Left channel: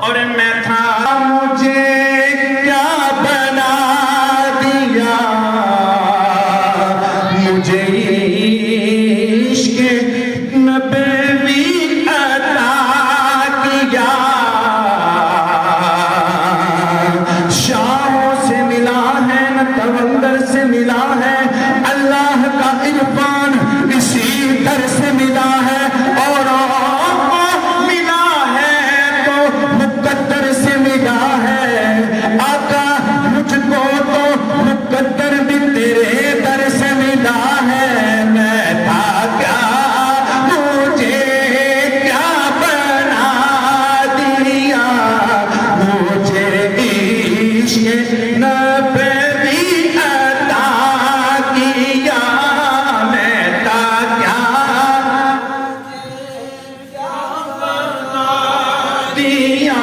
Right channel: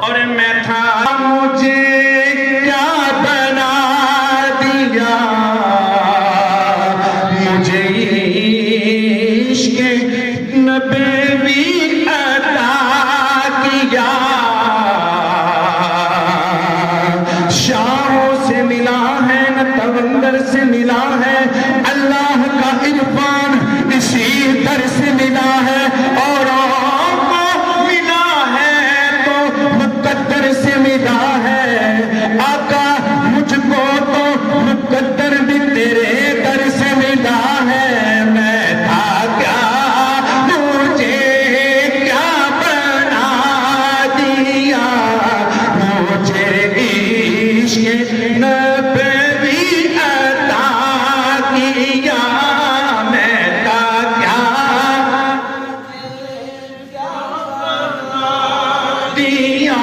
اور میں تھا مجھے کیا بنا دیا مجھے عشق نبوی عطا کیا شاہوں سے ملا ہے نہ تمندر سے ملا ہے اللہ کا عرفان اسی در سے ملا ہے اور ملا ہے تو مقدر سے ملا ہے آقا مجھ کو تو مقدر بھی تیرے در سے ملا ہے میں تھا کیا مجھے کیا بنا دیا مجھے عشق نبوی عطا کیا میں تھا کیا دیا